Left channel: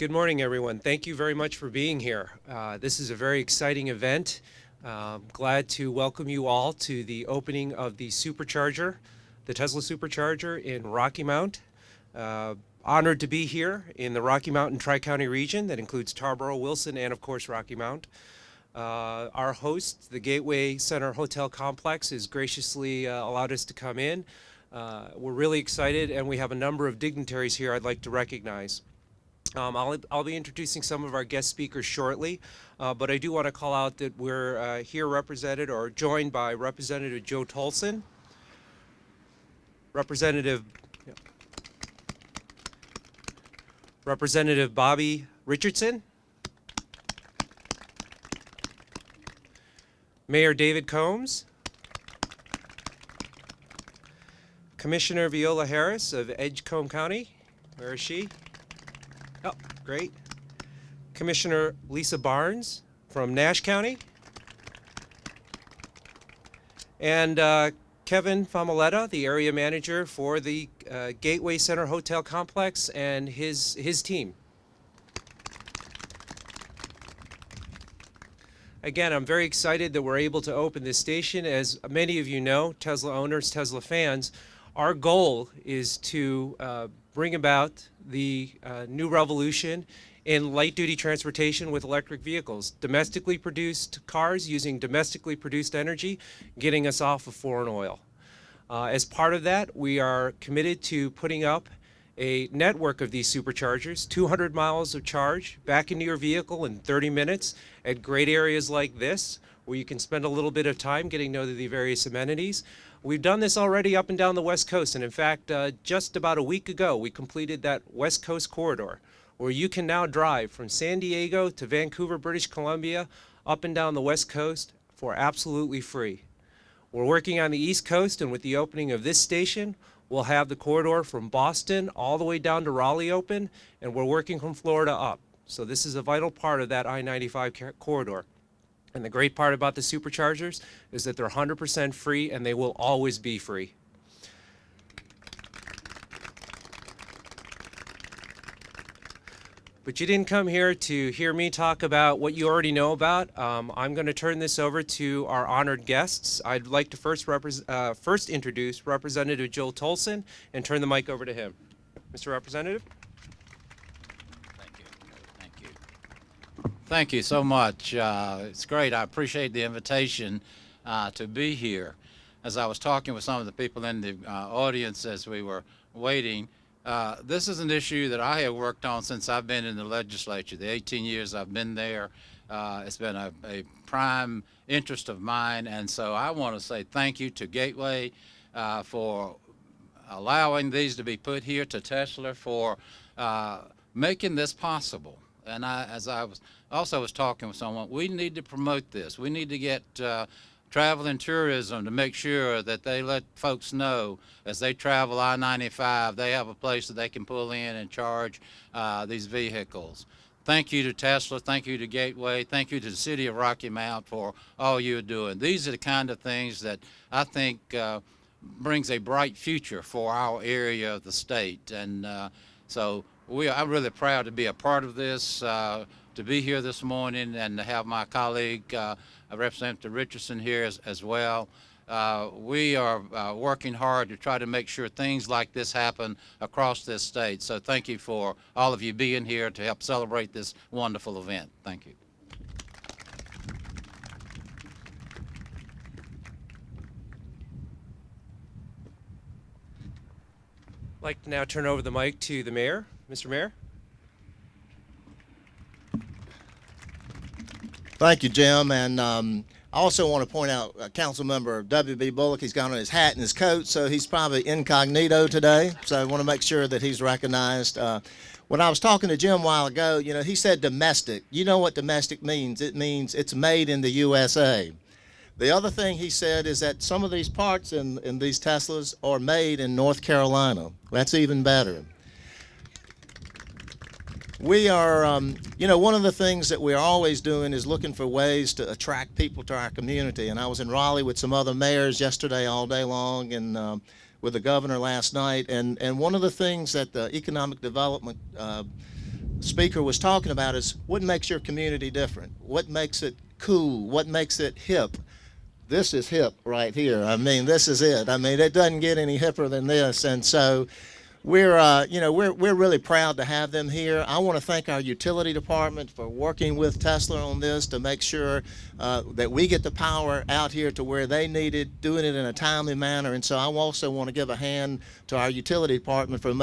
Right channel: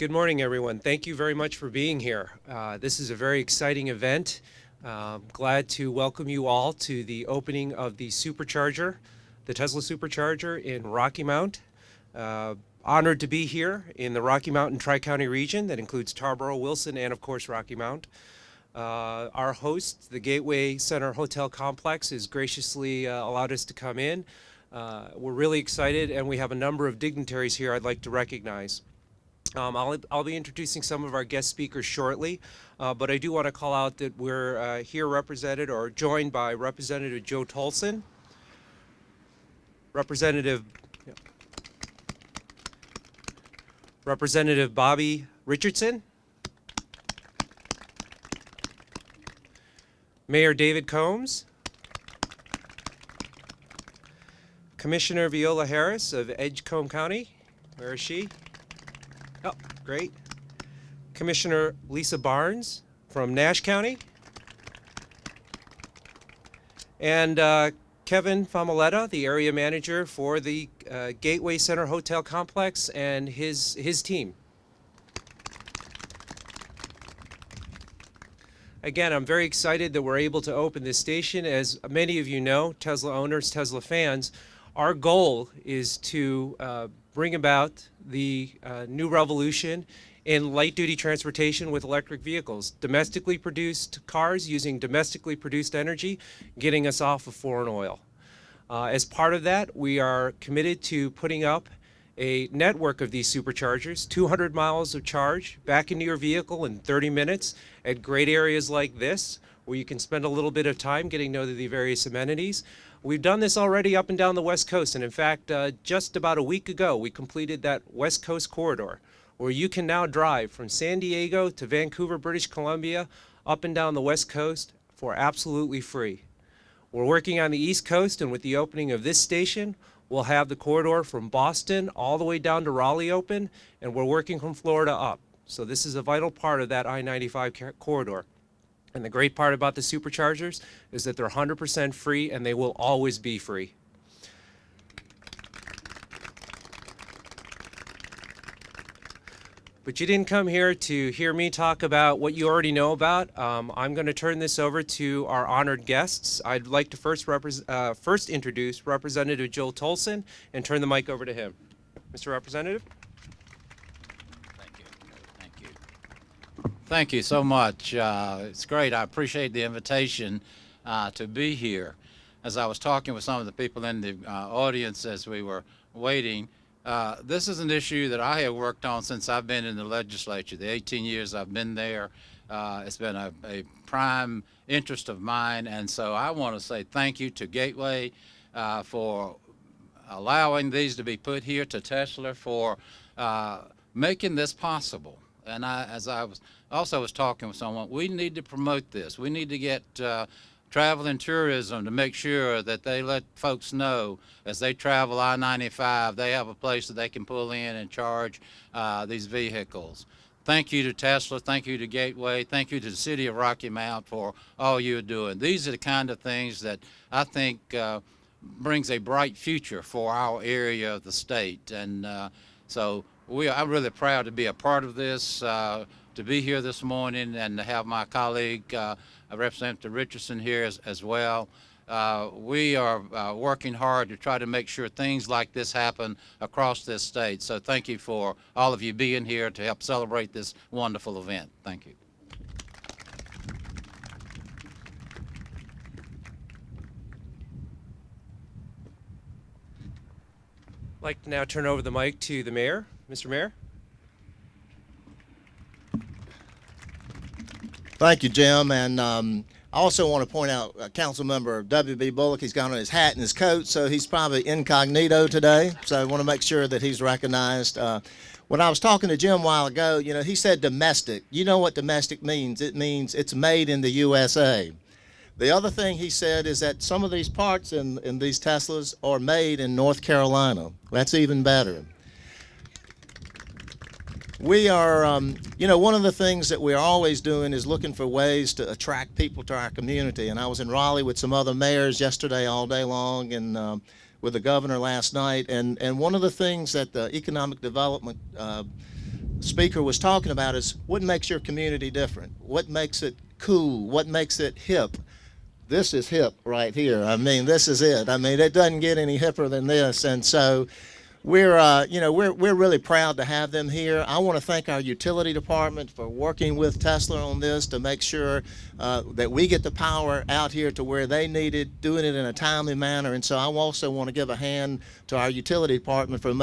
Good morning, everyone. Thank you very much for being here. This is a very exciting event. Glad to welcome you all to the opening of the supercharger, the Tesla supercharger in Rocky Mount. Honored to be here in the Rocky Mountain Tri-County region that includes Tarboro, Wilson, and of course Rocky Mount. Our host, the Gateway Center Hotel Complex, has graciously allowed us to come in. We're really excited, and we have a number of dignitaries here I'd like to recognize. I'll be introducing some of our guest speakers shortly, but I do want to call out that we're here represented or joined by Representative Joe Tolson, Representative Bobby Richardson, Mayor David Combs, Commissioner Viola Harris of Edgecombe County. Where is she? Oh, great. Commissioner Lisa Barnes from Nash County. And Kevin Famoletta, the area manager for the Gateway Center Hotel Complex, and his team. Again, I'm very excited that we're able to open this station. As many of you know, Tesla owners, Tesla fans, our goal is to bring about the new revolution in light-duty transportation with electric vehicles, domestically produced cars using domestically produced energy, getting us off of foreign oil. As part of that, we are committed to putting up a network of these superchargers, 200 miles of charge back into your vehicle in 30 minutes at great areas like this, where you can spend a little bit of time getting to know the various amenities. We've done this already up and down the West Coast, and in fact, just about a week ago, we completed that West Coast corridor, where you can now drive from San Diego to Vancouver, British Columbia, up and down the West Coast for absolutely free. We're working on the East Coast, and with the opening of this station, we'll have the corridor from Boston all the way down to Raleigh open, and we're working from Florida up. So this is a vital part of that I-95 corridor. And the great part about the superchargers is that they're 100% free, and they will always be free. But you didn't come here to hear me talk about what you already know about. I'm going to turn this over to our honored guests. I'd like to first introduce Representative Joe Tolson and turn the mic over to him. Mr. Representative. Thank you so much. It's great. I appreciate the invitation to be here. As I was talking with some of the people in the audience as we were waiting, this is an issue that I have worked on since I've been in the legislature. The 18 years I've been there, it's been a prime interest of mine, and so I want to say thank you to Gateway for allowing these to be put here, to Tesla for making this possible. And as I was talking with someone, we need to promote this. We need to get travel and tourism to make sure that they let folks know as they travel I-95, they have a place that they can pull in and charge these vehicles. Thank you to Tesla. Thank you to Gateway. Thank you to the city of Rocky Mount for all you're doing. These are the kind of things that I think brings a bright future for our area of the state. And so I'm really proud to be a part of this, to be here this morning, and to have my colleague, Representative Richardson, here as well. We are working hard to try to make sure things like this happen across this state. So thank you for all of you being here to help celebrate this wonderful event. Thank you. I'd like to now turn over the mic to the mayor. Mr. Mayor. Thank you, Jim. And I also want to point out Council Member W.B. Bullock. He's got on his hat and his coat, so he's probably incognito today. So I want to make sure that he's recognized. When I was talking to Jim a while ago, you know, he said domestic. You know what domestic means. It means it's made in the USA. The other thing he said is that some of these parts in these Teslas are made in North Carolina. That's even better. We are, you know, one of the things that we're always doing is looking for ways to attract people to our community. And I was in Raleigh with some other mayors yesterday all day long, and with the governor last night. And one of the things that the Economic Development speaker was talking about is what makes your community different? What makes it cool? What makes it hip? This is hip right here. I mean, this is it. I mean, it doesn't get any hipper than this. And so we're really proud to have them here. I want to thank our utility department for working with Tesla on this to make sure that we get the power out here to where they need it, doing it in a timely manner. And so I also want to give a hand to our utility department for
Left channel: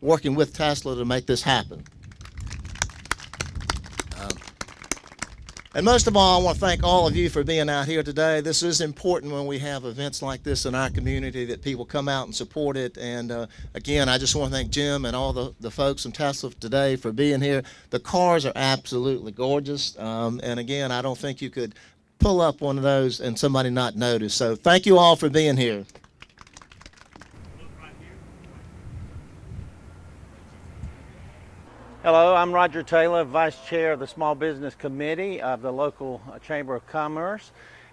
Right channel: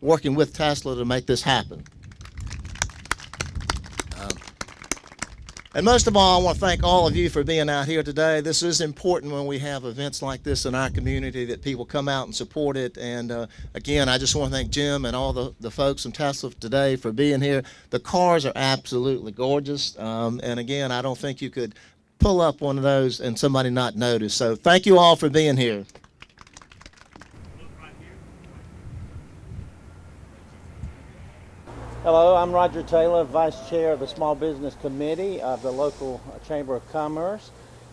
working with Tesla to make this happen. And most of all, I want to thank all of you for being out here today. This is important when we have events like this in our community, that people come out and support it. And again, I just want to thank Jim and all the folks from Tesla today for being here. The cars are absolutely gorgeous. And again, I don't think you could pull up one of those and somebody not notice. So thank you all for being here. Hello, I'm Roger Taylor, Vice Chair of the Small Business Committee of the local Chamber of Commerce,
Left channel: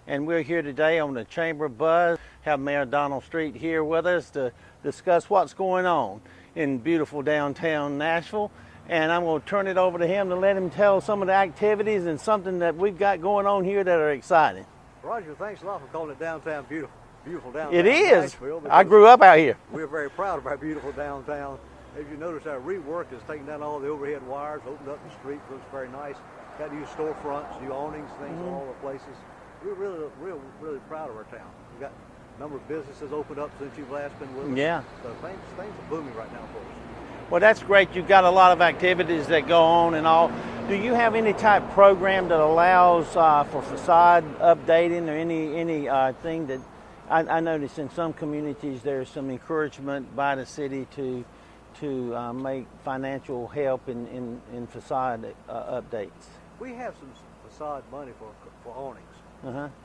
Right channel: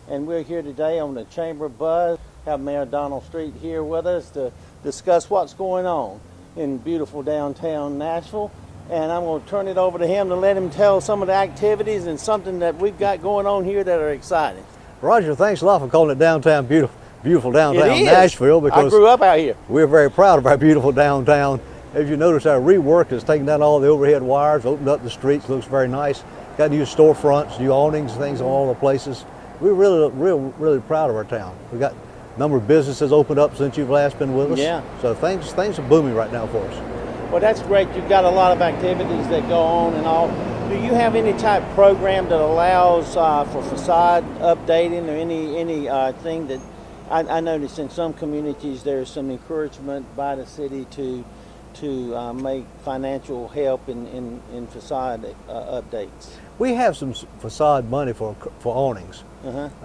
and we're here today on the Chamber Buzz. Have Mayor Donald Street here with us to discuss what's going on in beautiful downtown Nashville, and I'm going to turn it over to him to let him tell some of the activities and something that we've got going on here that are exciting. Roger, thanks a lot for calling it downtown beautiful downtown It is. Nashville, because I grew up out here. we're very proud of our beautiful downtown. As you notice, our rework has taken down all the overhead wires, opened up the streets, looks very nice. Got new storefronts, new awnings, things in all the places. We're really proud of our town. We got a number of businesses opened up since you've last been with us. Yeah. So things are booming right now for us. Well, that's great. You've got a lot of activities that go on and all. Do you have any type of program that allows for facade updating or any thing that I noticed in some communities there's some encouragement by the city to make financial help in facade updates? We have some facade money for awnings.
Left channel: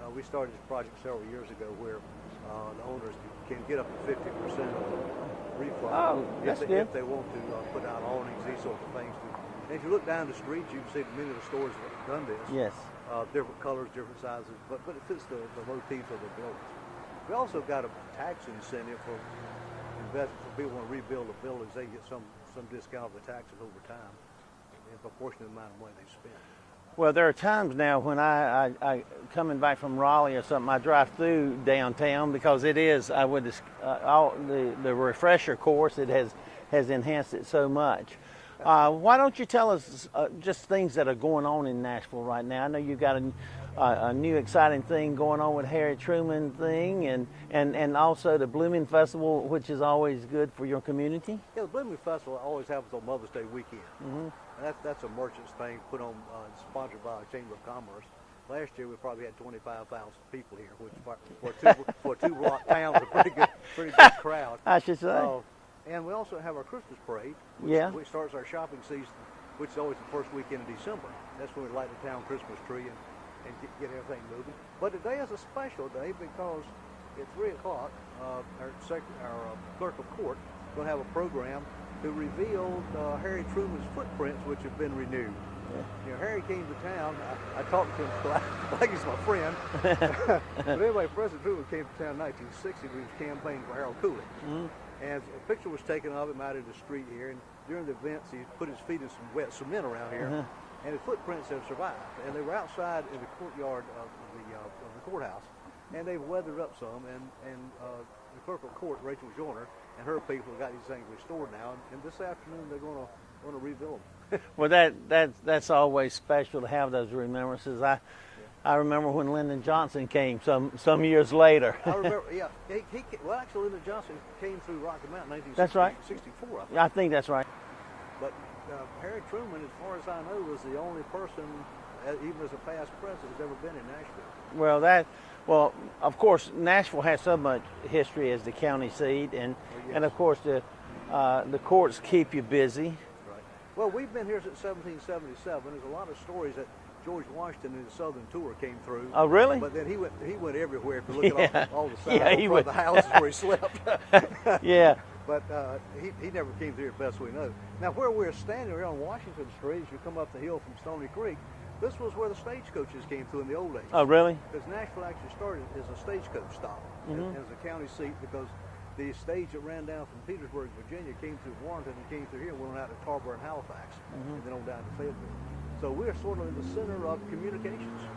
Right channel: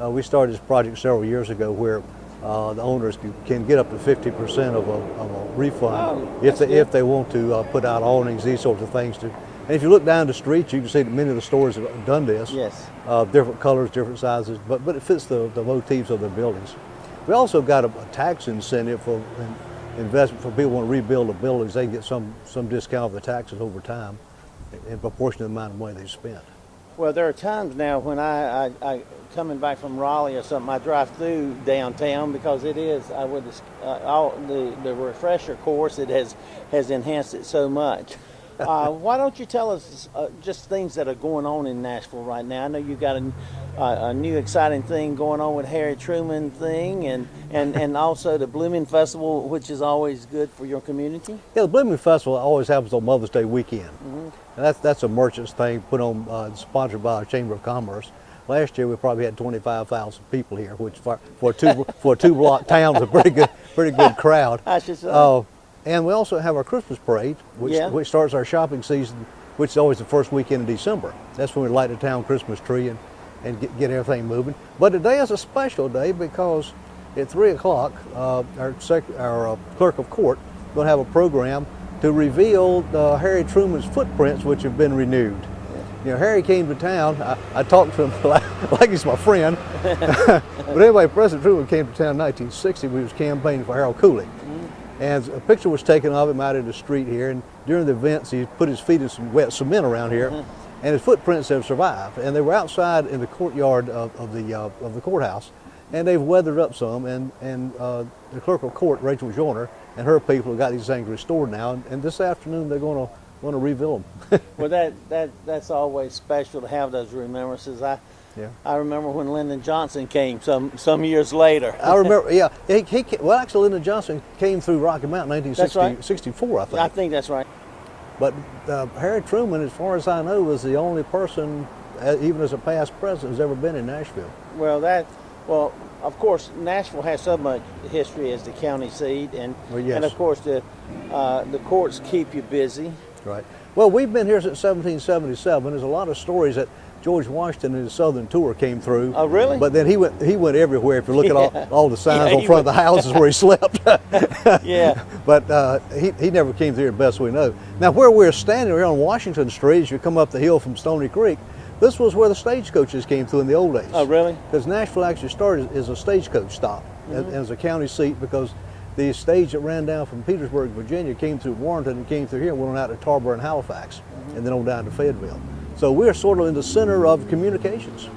We started this project several years ago where the owners can get up to 50% of a refund if they want to put out awnings, these sorts of things. And if you look down the street, you can see that many of the stores have done this. Yes. Different colors, different sizes, but it fits the motifs of their buildings. We also got a tax incentive for investment for people who want to rebuild the buildings. They get some discount of the taxes over time in proportion to the amount of money they spent. Well, there are times now when I coming back from Raleigh or something, I drive through downtown because it is with the refresher course, it has enhanced it so much. Why don't you tell us just things that are going on in Nashville right now? I know you got a new exciting thing going on with Harry Truman thing, and also the Blooming Festival, which is always good for your community. Yeah, the Blooming Festival always happens on Mother's Day weekend. And that's a merchant's thing put on, sponsored by our Chamber of Commerce. Last year we probably had 25,000 people here, which for a two-block town is a pretty good crowd. I should say. And we also have our Christmas parade, which starts our shopping season, which is always the first weekend in December. That's when we light the town Christmas tree and get everything moving. But today is a special day because at 3 o'clock, our clerk of court is going to have a program to reveal Harry Truman's footprints, which have been renewed. You know, Harry came to town. I talked to him like he's my friend. But anyway, President Truman came to town in 1960 when he was campaigning for Harold Cooley. And a picture was taken of him out in the street here, and during the events he put his feet in some wet cement around here, and his footprints have survived. And they were outside in the courtyard of the courthouse, and they've weathered up some, and the clerk of court, Rachel Joyner, and her people have got these things restored now, and this afternoon they're going to reveal them. Well, that's always special to have those remembrances. I remember when Lyndon Johnson came some years later. I remember, yeah. Well, actually, Lyndon Johnson came through Rocky Mountain in 1964, I think. I think that's right. But Harry Truman, as far as I know, was the only person, even as a past president, who's ever been in Nashville. Well, of course, Nashville has so much history as the county seat, and of course the courts keep you busy. Right. Well, we've been here since 1777. There's a lot of stories that George Washington in his southern tour came through. Oh, really? But then he went everywhere. If you look at all the signs on front of the houses where he slept. Yeah. But he never came through, best we know. Now, where we're standing here on Washington Street, as you come up the hill from Stony Creek, this was where the stagecoaches came through in the old days. Oh, really? Because Nashville actually started as a stagecoach stop and as a county seat, because the stage that ran down from Petersburg, Virginia, came through Warrenton and came through here and went on out to Tarboro and Halifax, and then on down to Fayetteville. So we're sort of in the center of communications.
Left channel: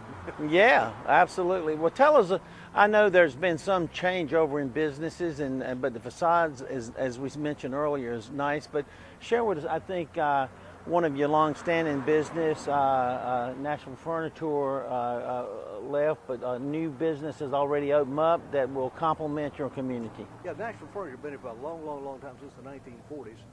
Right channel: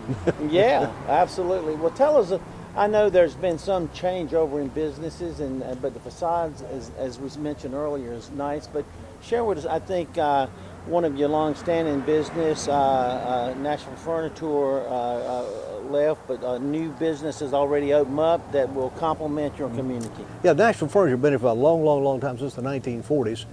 Yeah, absolutely. Well, tell us, I know there's been some change over in businesses, but the facades, as we mentioned earlier, is nice. But share with us, I think one of your long-standing business, Nashville Furniture, left, but new businesses already open up that will complement your community. Yeah, Nashville Furniture has been here for a long time, since the 1940s.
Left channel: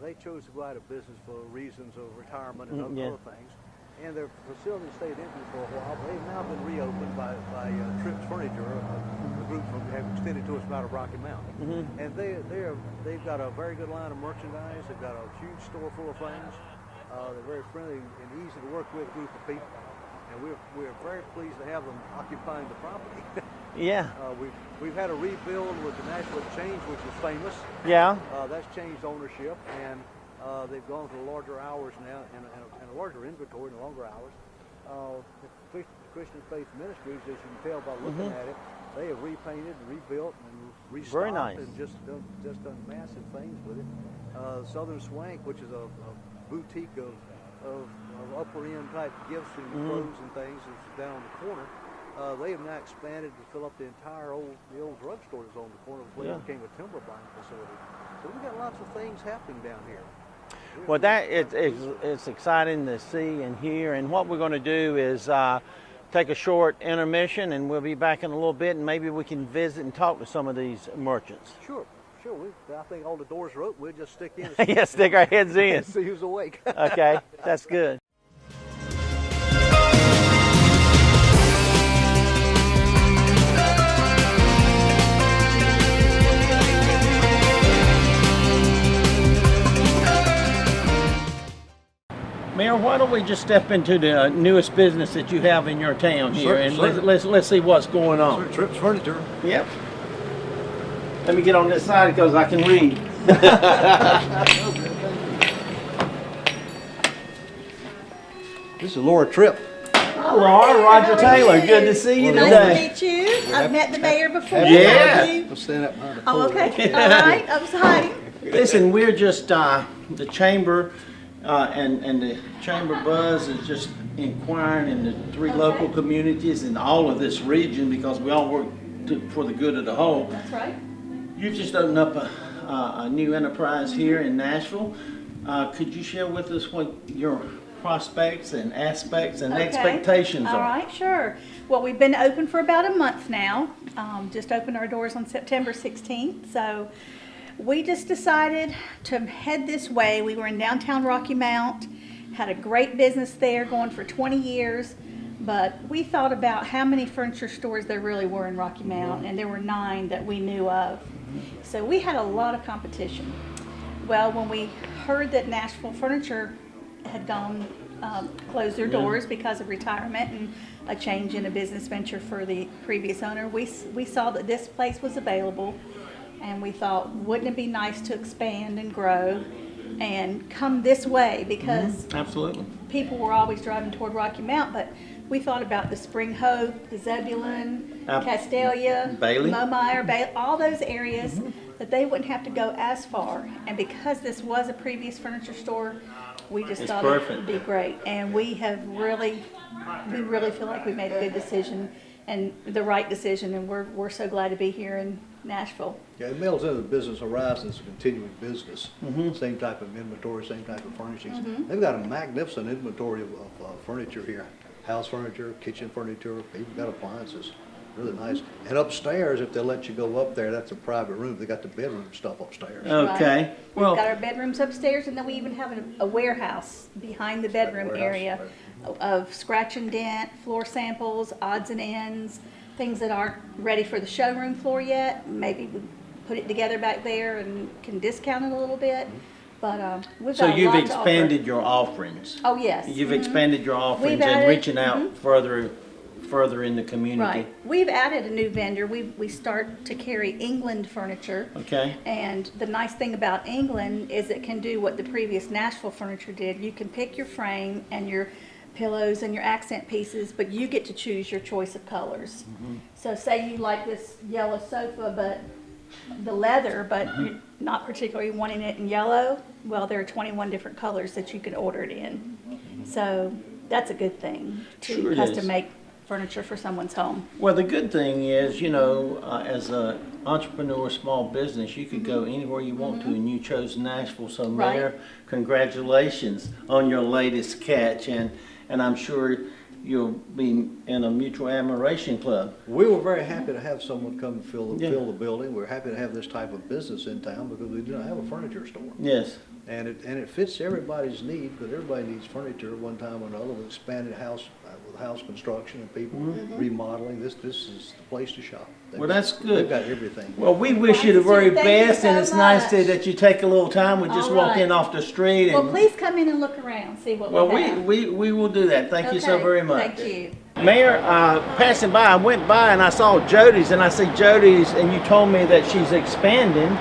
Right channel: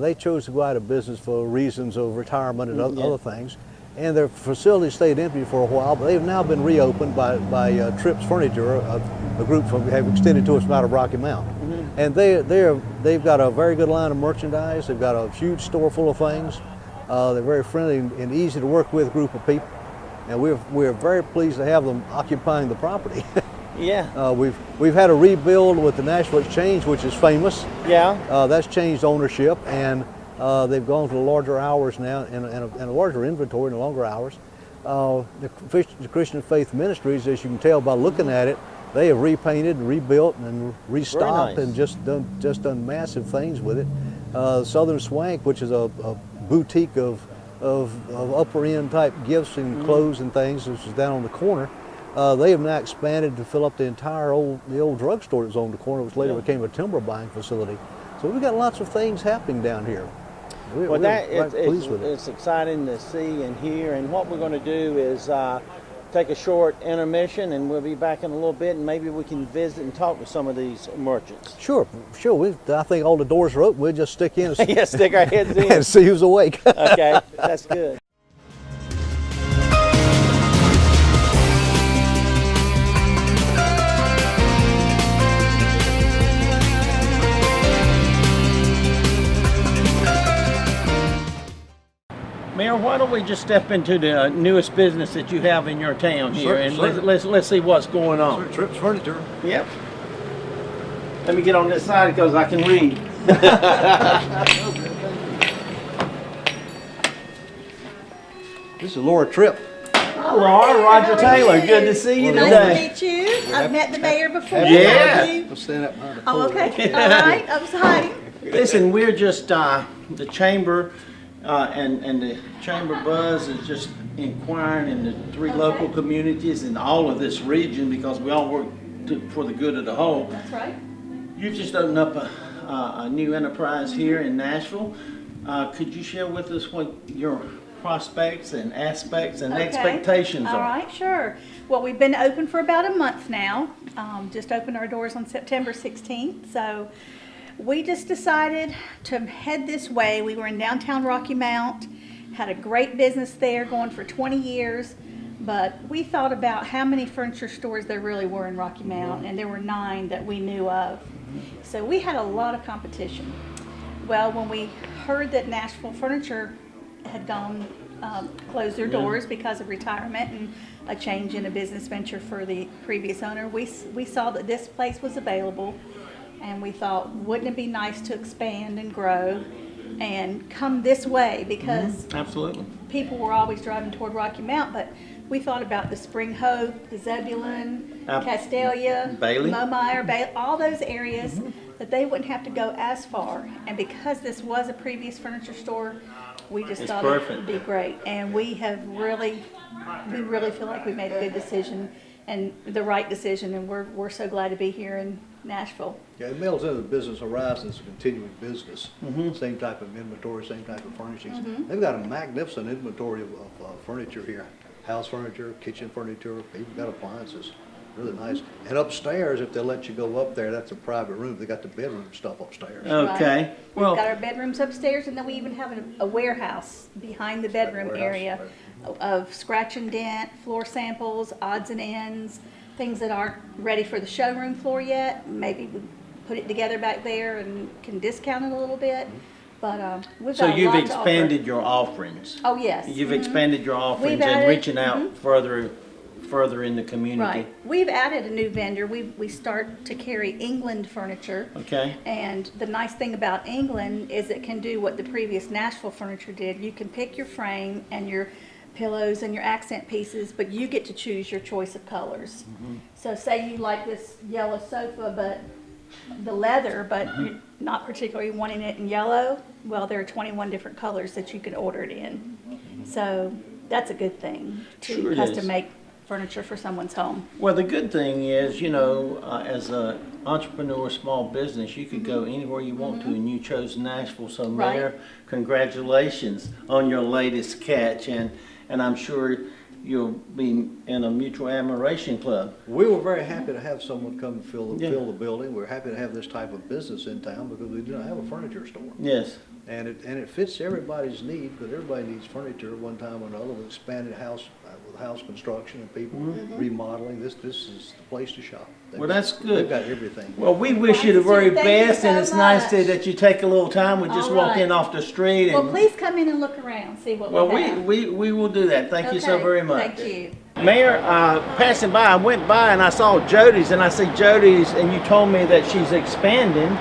They chose to go out of business for reasons of retirement and other things. And their facility stayed empty for a while, but they've now been reopened by Tripp's Furniture, a group have extended to us from out of Rocky Mount. And they've got a very good line of merchandise. They've got a huge store full of things. They're very friendly and easy to work with group of people. And we're very pleased to have them occupying the property. Yeah. We've had a rebuild with the Nashville Exchange, which is famous. Yeah. That's changed ownership, and they've gone to larger hours now and a larger inventory and longer hours. The Christian Faith Ministries, as you can tell by looking at it, they have repainted and rebuilt and restocked nice. and just done massive things with it. Southern Swank, which is a boutique of upper end type gifts and clothes and things, which is down on the corner. They have now expanded to fill up the old drugstore that was on the corner, which later became a timber buying facility. So we've got lots of things happening down here. Well, it's exciting to see and hear. And what we're going to do is take a short intermission, and we'll be back in a little bit, and maybe we can visit and talk with some of these merchants. Sure. I think all the doors are open. We'll just stick in and Yeah, stick our heads in. and see who's awake. Okay, that's good. Mayor, why don't we just step into the newest business that you have in your town here, and let's see what's going on. Tripp's Furniture. Yep. Let me get on this side because I can read. This is Laura Tripp. Hi, Laura. Roger Taylor. Good to see you Nice today. to meet you. I've met the mayor before. Yeah. We'll stand up behind the Oh, podium. okay. All right. I was hiding. Listen, we're just the chamber, and the chamber buzz is just inquiring in the three local communities and all of this region, because we all work for the good of the whole. That's right. You've just opened up a new enterprise here in Nashville. Could you share with us what your prospects and aspects and expectations All are? right, sure. Well, we've been open for about a month now. Just opened our doors on September 16th. So we just decided to head this way. We were in downtown Rocky Mount, had a great business there going for 20 years. But we thought about how many furniture stores there really were in Rocky Mount, and there were 9 that we knew of. So we had a lot of competition. Well, when we heard that Nashville Furniture had closed their doors because of retirement and a change in a business venture for the previous owner, we saw that this place was available, and we thought, wouldn't it be nice to expand and grow and come this way, because Absolutely. people were always driving toward Rocky Mount, but we thought about the Spring Hope, the Zebulon, Castalia, Bailey. Momeyer, all those areas that they wouldn't have to go as far. And because this was a previous furniture store, we just thought it would be great. And we really feel like we made a good decision and the right decision, and we're so glad to be here in Nashville. Yeah, it melds into the business horizon as a continuing business. Same type of inventory, same type of furnishings. They've got a magnificent inventory of furniture here. House furniture, kitchen furniture, even got appliances. Really nice. And upstairs, if they'll let you go up there, that's a private room. They got the bedroom stuff upstairs. Okay. Right. Well, We've got our bedrooms upstairs, and then we even have a warehouse behind the bedroom area of scratch and dent, floor samples, odds and ends, things that aren't ready for the showroom floor yet. Maybe we put it together back there and can discount it a little bit. But we've so got a you've lot to offer. expanded your offerings. Oh, yes. You've expanded your offerings We've and added- reaching out further in the community. Right. We've added a new vendor. We start to carry England furniture. Okay. And the nice thing about England is it can do what the previous Nashville furniture did. You can pick your frame and your pillows and your accent pieces, but you get to choose your choice of colors. So say you like this yellow sofa, but the leather, but you're not particularly wanting it in yellow, well, there are 21 different colors that you can order it in. So that's a good thing Sure to it custom is. make furniture for someone's home. Well, the good thing is, you know, as an entrepreneur, small business, you could go anywhere you want to, and you chose Nashville. So, Right. Mayor, congratulations on your latest catch, and I'm sure you'll be in a mutual admiration club. We were very happy to have someone come and fill Yeah. the building. We're happy to have this type of business in town because we do not have a furniture store. Yes. And it fits everybody's need, because everybody needs furniture at one time or another. With expanded house, with house construction and people remodeling, this is the place to shop. Well, that's good. They've got everything. Well, we wish you the very Thank you best, and so it's nice much. that you take a little time. We just All walked right. in off the street, Well, and please come in and look around, see what well, we have. we will do that. Thank you so Okay, very much. Thank you. Mayor, passing by, I went by and I saw Jody's, and I see Jody's, and you told me that she's expanding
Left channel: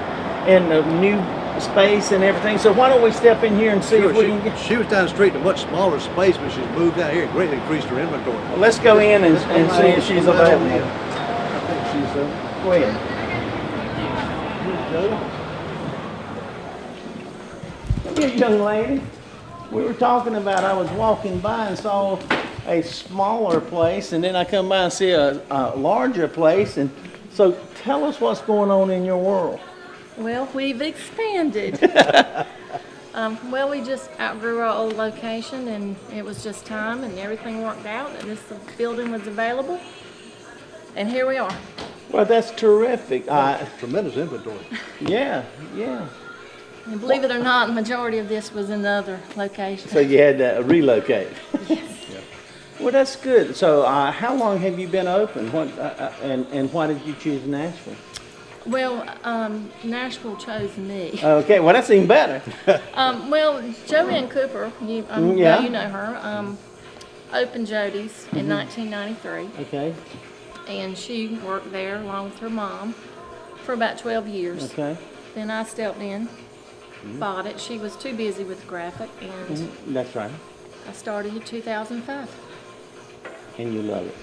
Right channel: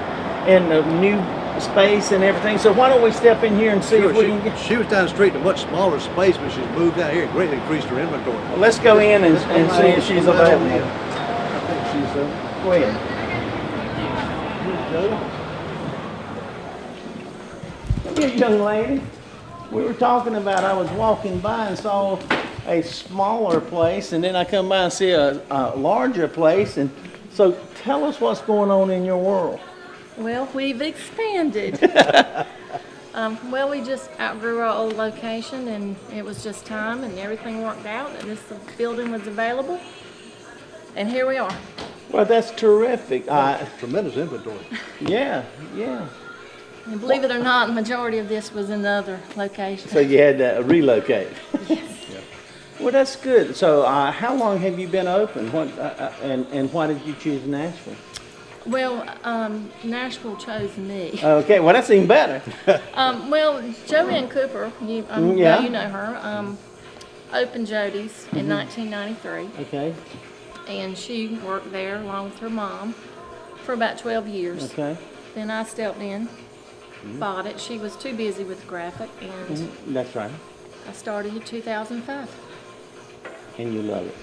in a new space and everything. So why don't we step in here and see if we can get. She was down the street in a much smaller space, but she's moved out here and greatly increased her inventory. Let's go in and see if she's available. I think she's Go ahead. Come here, young lady. We were talking about, I was walking by and saw a smaller place, and then I come by and see a larger place. And so tell us what's going on in your world. Well, we've expanded. Well, we just outgrew our old location, and it was just time, and everything worked out, and this building was available, and here we are. Well, that's terrific. tremendous inventory. Yeah. And believe it or not, the majority of this was in the other location. So you had to relocate. Yes. Well, that's good. So how long have you been open? What and why did you choose Nashville? Well, Nashville chose me. Okay, well that's even better. Well, Joanne Cooper, you Yeah. you know her, opened Jody's in 1993, Okay. and she worked there along with her mom for about 12 years. Okay. Then I stepped in, bought it. She was too busy with the graphic, and That's right. I started in 2005. And you love it.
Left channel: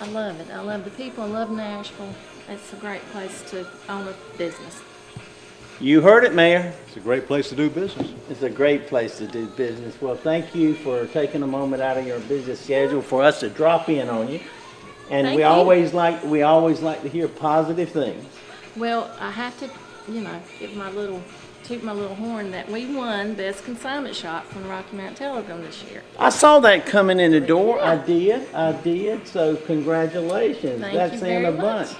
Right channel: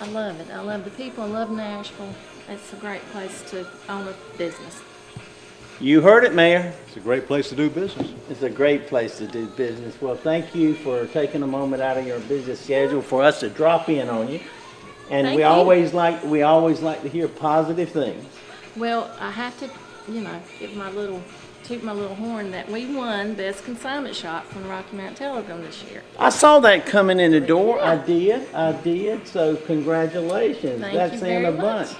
I love it. I love the people. I love Nashville. It's a great place to own a business. You heard it, Mayor. It's a great place to do business. It's a great place to do business. Well, thank you for taking a moment out of your busy schedule for us to drop in on you. And Thank we you. always like to hear positive things. Well, I have to, toot my little horn that we won Best Consignment Shop from Rocky Mount Telegram this year. I saw that coming in the door. I did. So congratulations. Thank That's you saying very a bunch. much.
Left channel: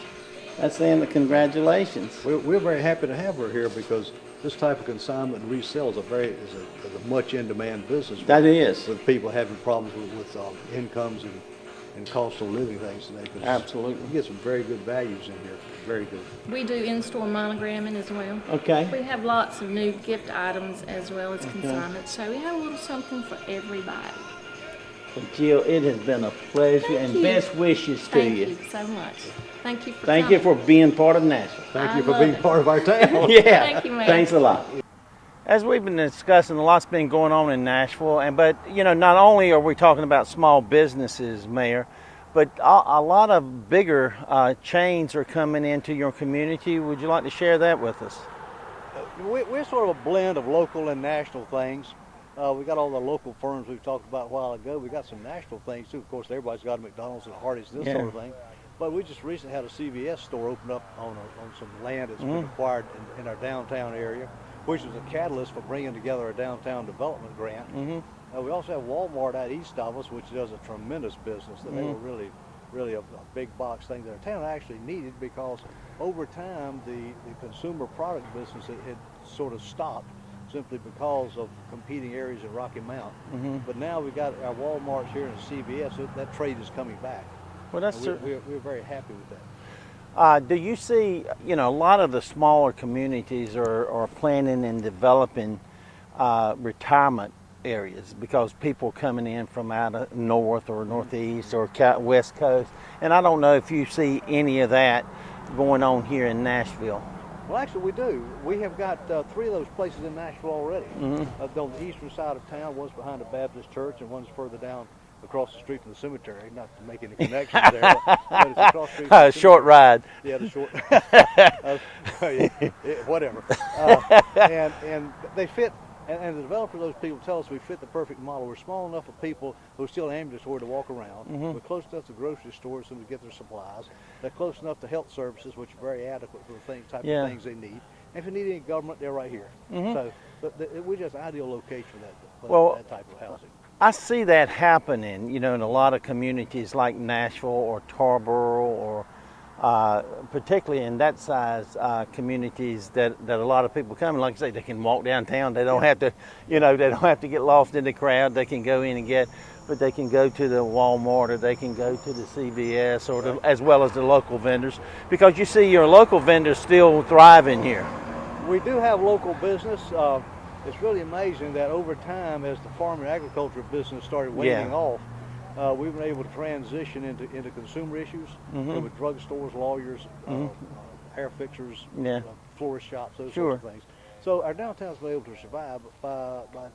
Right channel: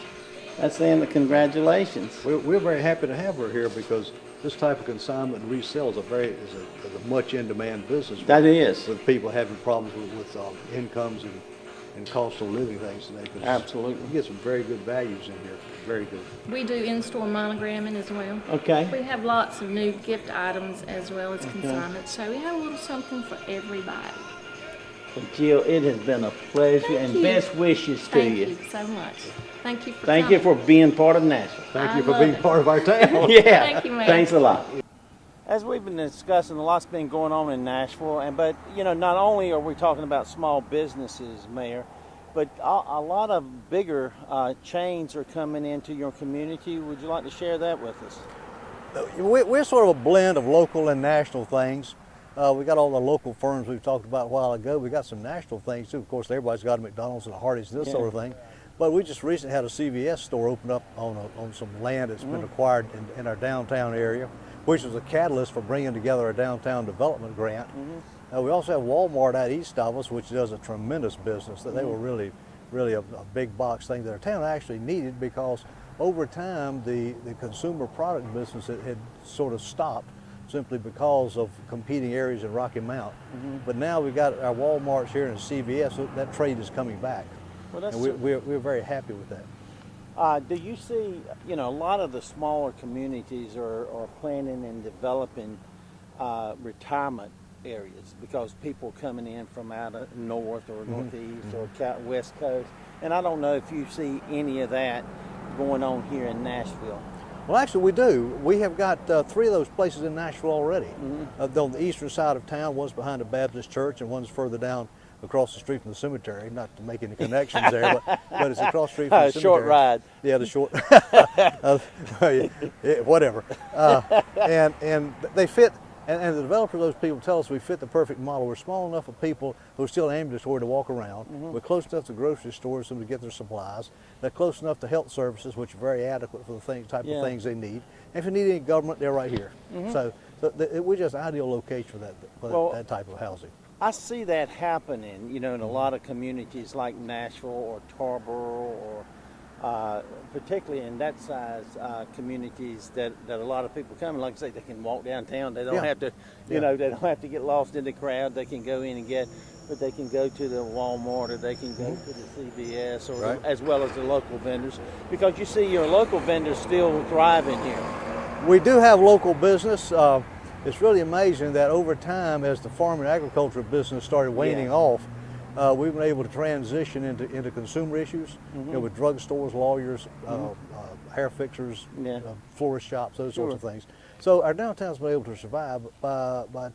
That's saying the congratulations. We're very happy to have her here because this type of consignment and resale is a much in-demand business. That is. With people having problems with incomes and cost of living things today. 'Cause Absolutely. You get some very good values in here. Very good. We do in-store monogramming as well. Okay. We have lots of new gift items as well as consignments, so we have a little something for everybody. Well, Jill, it has been a pleasure, Thank and you. best wishes to Thank you. you so much. Thank you for Thank you coming. for being part of Nashville. Thank I you for love being it. part of our town. Yeah. Thank you, Mayor. Thanks a lot. As we've been discussing, a lot's been going on in Nashville, but not only are we talking about small businesses, Mayor, but a lot of bigger chains are coming into your community. Would you like to share that with us? We're sort of a blend of local and national things. We got all the local firms we've talked about a while ago. We got some national things too. Of course, everybody's got a McDonald's and a Hardee's, this sort of thing. But we just recently had a CVS store open up on some land that's been acquired in our downtown area, which was a catalyst for bringing together a downtown development grant. We also have Walmart out east of us, which does a tremendous business. They were really a big box thing that our town actually needed, because over time the consumer product business had sort of stopped simply because of competing areas in Rocky Mount. But now we've got our Walmarts here and CVS, so that trade is coming back. Well, that's And we're very happy with that. Do you see, a lot of the smaller communities are planning and developing retirement areas because people coming in from out of north or northeast or west coast, and I don't know if you see any of that going on here in Nashville. Well, actually, we do. We have got 3 of those places in Nashville already. On the eastern side of town, one's behind a Baptist church, and one's further down across the street from the cemetery. Not to make any connections there, but it's across the street from the cemetery. Short ride. Yeah, the short. Whatever. And they fit. And the developer of those people tell us we fit the perfect model. We're small enough for people who are still ambulatory to walk around. We're close enough to grocery stores for them to get their supplies. They're close enough to health services, which are very adequate for the type of things they need. And if you need any government, they're right here. So we're just an ideal location for that type of housing. I see that happening, in a lot of communities like Nashville or Tarboro or particularly in that size communities that a lot of people come, and like I say, they can walk downtown. They don't have to, they don't have to get lost in the crowd. They can go in and but they can go to the Walmart or they can go to the CVS or as well as the local vendors, because you see your local vendors still thriving here. We do have local business. It's really amazing that over time, as the farm and agriculture business started waning off, we've been able to transition into consumer issues, with drugstores, lawyers, hair fixers, florist shops, those sorts of things. So our downtown's been able to survive by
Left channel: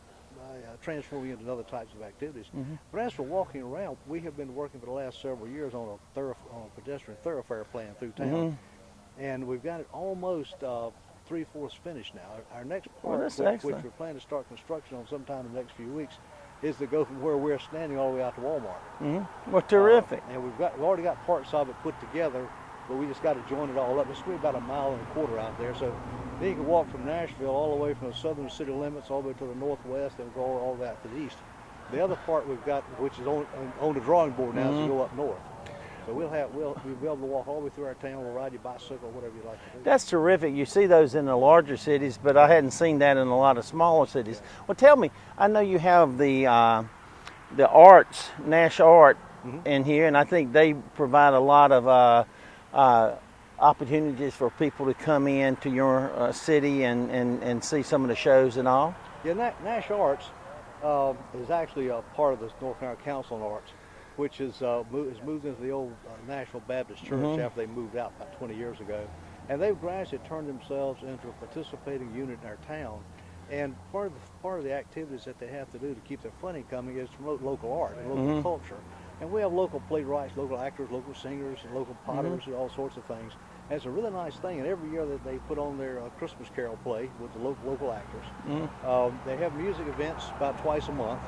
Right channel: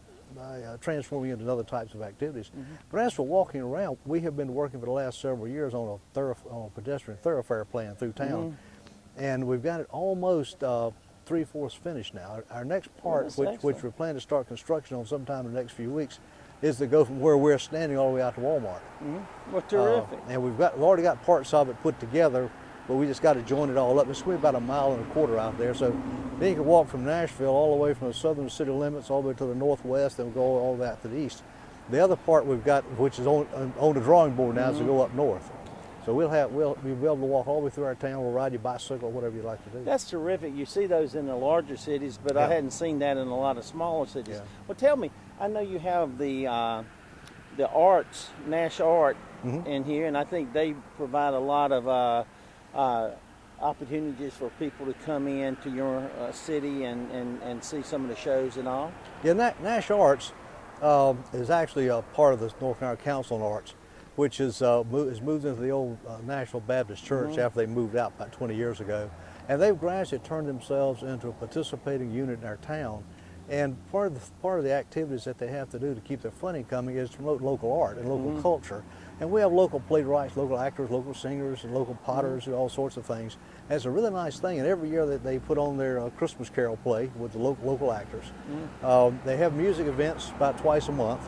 transforming into other types of activities. But as for walking around, we have been working for the last several years on a pedestrian thoroughfare plan through town, and we've got it almost 3/4 finished now. Our next part, which we're planning to start construction on sometime in the next few weeks, is to go from where we're standing all the way out to Walmart. Well, terrific. And we've already got parts of it put together, but we just got to join it all up. It's about 1.25 miles out there, so then you can walk from Nashville all the way from the southern city limits all the way to the northwest and go all the way out to the east. The other part we've got, which is on the drawing board now, is to go up north. So we'll be able to walk all the way through our town. We'll ride your bicycle, whatever you like to do. That's terrific. You see those in the larger cities, but I hadn't seen that in a lot of smaller cities. Well, tell me, I know you have the arts, Nash Art, in here, and I think they provide a lot of opportunities for people to come into your city and see some of the shows and all. Yeah, Nash Arts is actually a part of the North Carolina Council on Arts, which is moved into the old Nashville Baptist Church after they moved out about 20 years ago. And they've gradually turned themselves into a participating unit in our town. And part of the activities that they have to do to keep their funding coming is to promote local art and local culture. And we have local playwrights, local actors, local singers, and local potters, and all sorts of things. And it's a really nice thing. And every year that they put on their Christmas Carol play with the local actors. They have music events about twice a month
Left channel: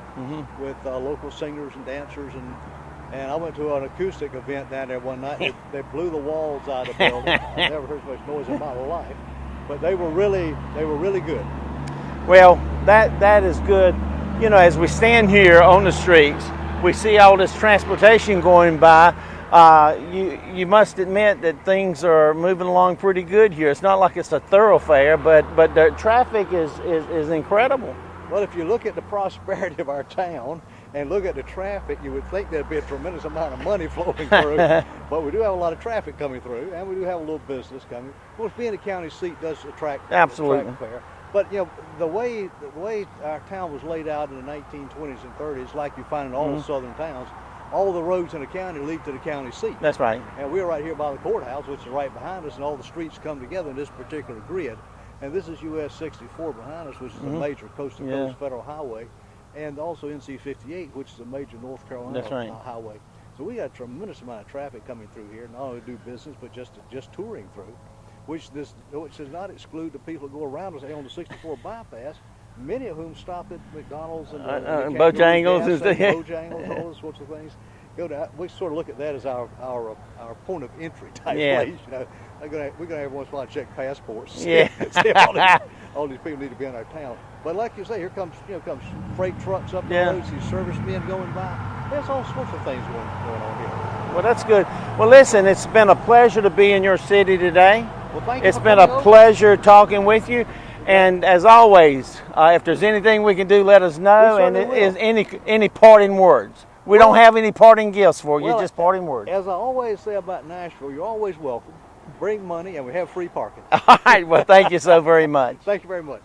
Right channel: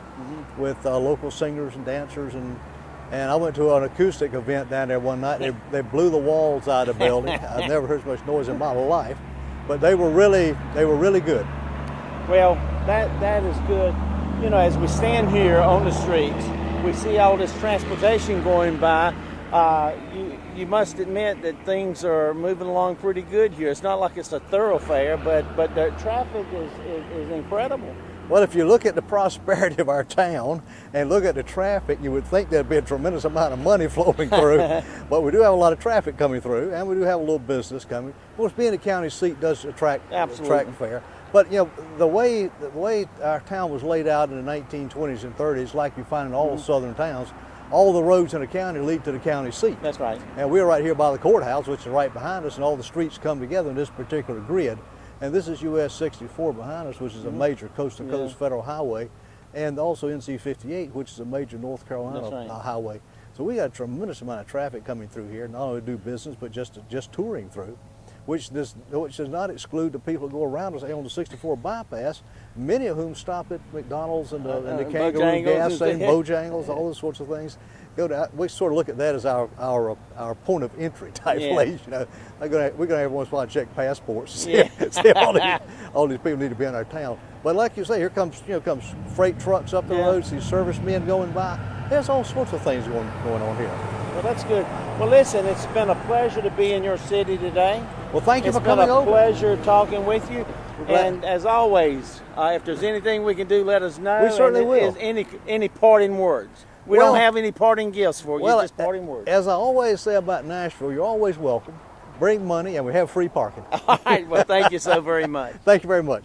with local singers and dancers. And I went to an acoustic event down there one night. They blew the walls out of the building. I've never heard so much noise in my life. But they were really good. Well, that is good. As we stand here on the streets, we see all this transportation going by. You must admit that things are moving along pretty good here. It's not like it's a thoroughfare, but the traffic is incredible. Well, if you look at the prosperity of our town and look at the traffic, you would think there'd be a tremendous amount of money flowing through. But we do have a lot of traffic coming through, and we do have a little business coming. Of course, being a county seat does attract fare. But the way our town was laid out in the 1920s and 30s, like you find in all the southern towns, all the roads in the county lead to the county seat. That's right. And we're right here by the courthouse, which is right behind us, and all the streets come together in this particular grid. And this is US 64 behind us, which is a major coast-to-coast federal highway, and also NC 58, which is a major North Carolina highway. So we got a tremendous amount of traffic coming through here, not only do business, but just touring through, which does not exclude the people who go around us on the 64 bypass, many of whom stop at McDonald's and Bojangles, all those sorts of things. We sort of look at that as our point of entry type place. We're going to every once in a while check passports. See all these people need to be in our town. But like you say, here comes freight trucks up the road, see servicemen going by. There's all sorts of things going on here. Well, that's good. Well, listen, it's been a pleasure to be in your city today. Well, thank you. It's been a pleasure talking with you. And as always, if there's anything we can do, let us know. And is any parting words? We don't have any parting gifts for you, just parting words. As I always say about Nashville, you're always welcome. Bring money, and we have free parking. All right. Well, thank you so very much. Thank you very much.